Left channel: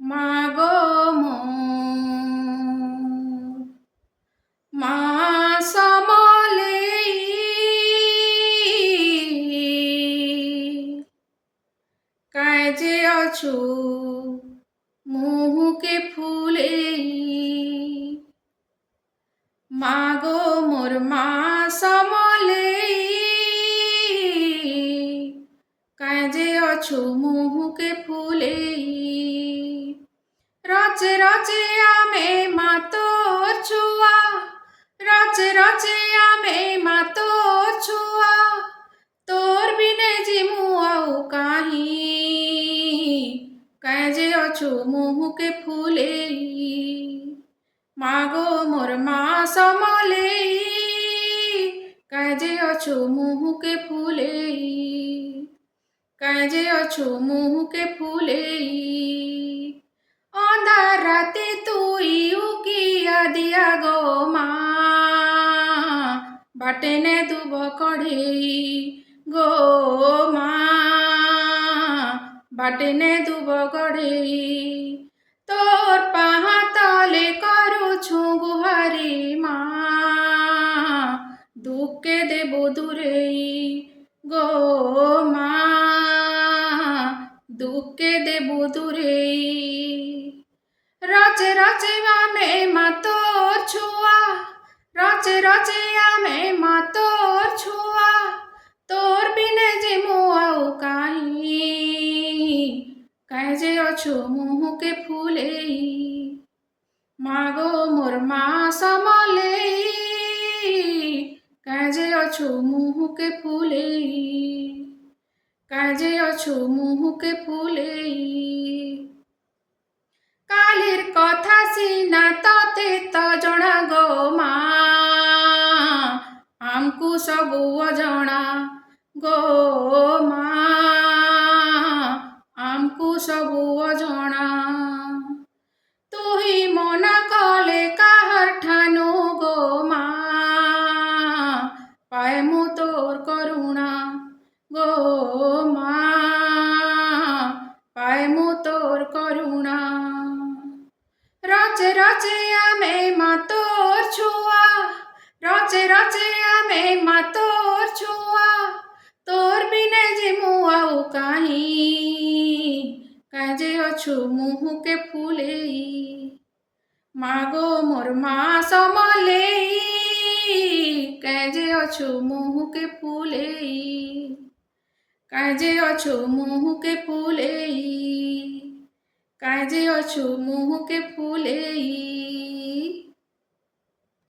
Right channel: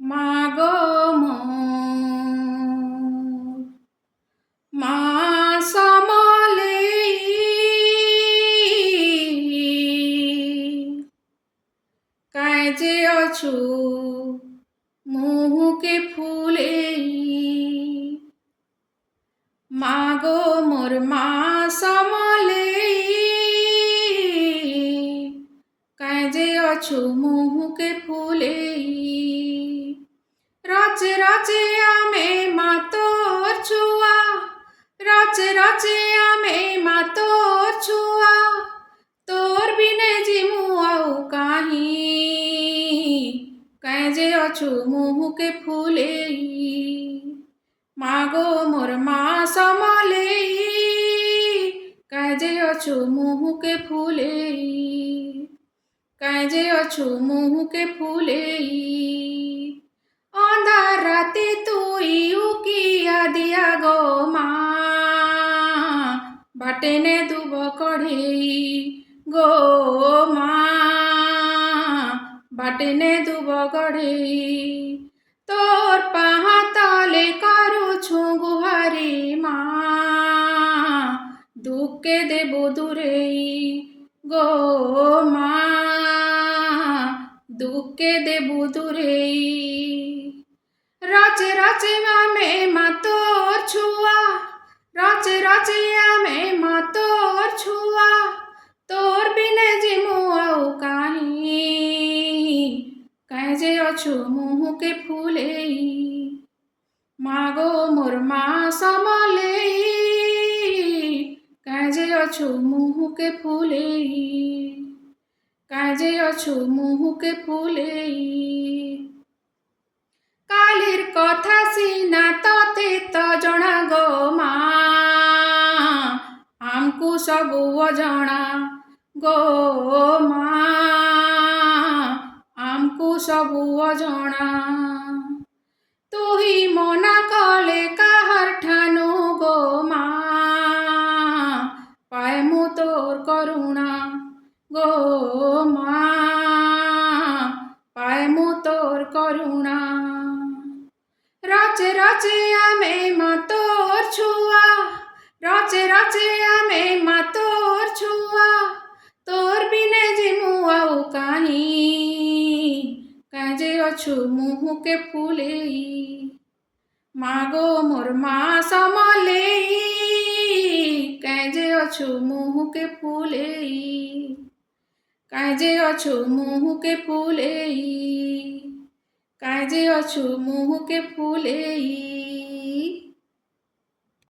মাগো মোর মা সমলেই কাজে অছু মুহুকে ফুলেই মাগো মোর মা সমলেই কাজে অছু মুহুকে ফুলেই রচে রচে আমে মা তোর ছুয়া রচে রচে আমে মা তোর ছুয়া তোর বিনে জিমু আউ কাহি কাজে অছু মুহুকে ফুলেই মাগো মোর মা সমলেই কাজে অছু মুহুকে ফুলেই কাজে অছু মুহুকে ফুলেই অন্ধার রাতে তুই উকিয়া দিয়া গো মা বাটেনে দুব কড়েই গো মা বাটেনে দুব কড়েই তোর পাহা তলে করুছু গুহারি মা দুঃখে দেব দূরেই গো মা দুঃখে দেব দূরেই রচে রচে আমে মা তোর ছুয়া রচে রচে আমে মা তোর ছুয়া তোর বিনে জিমু আউ কাহি কাজে অছু মুহুকে ফুলেই মাগো মোর মা সমলেই কাজে অছু মুহুকে ফুলেই কাজে অছু মুহুকে ফুলেই কালির কথা সিনা ততে তো জଣା গো মা আমকু সবু অজଣା গো মা আমকু সবু অজଣା তুহি মনা কলে কাহার ঠানু গো মা পায়মু তোর করুণা গো মা পায়মু তোর করুণা রচে রচে আমে মা তোর ছুয়া রচে রচে আমে মা তোর ছুয়া তোর বিনে জিমু আউ কাহি কাজে অছু মুহুকে ফুলেই মাগো মোর মা সমলেই কাজে অছু মুহুকে ফুলেই কাজে অছু মুহুকে ফুলেই কাজে অছু মুহুকে ফুলেই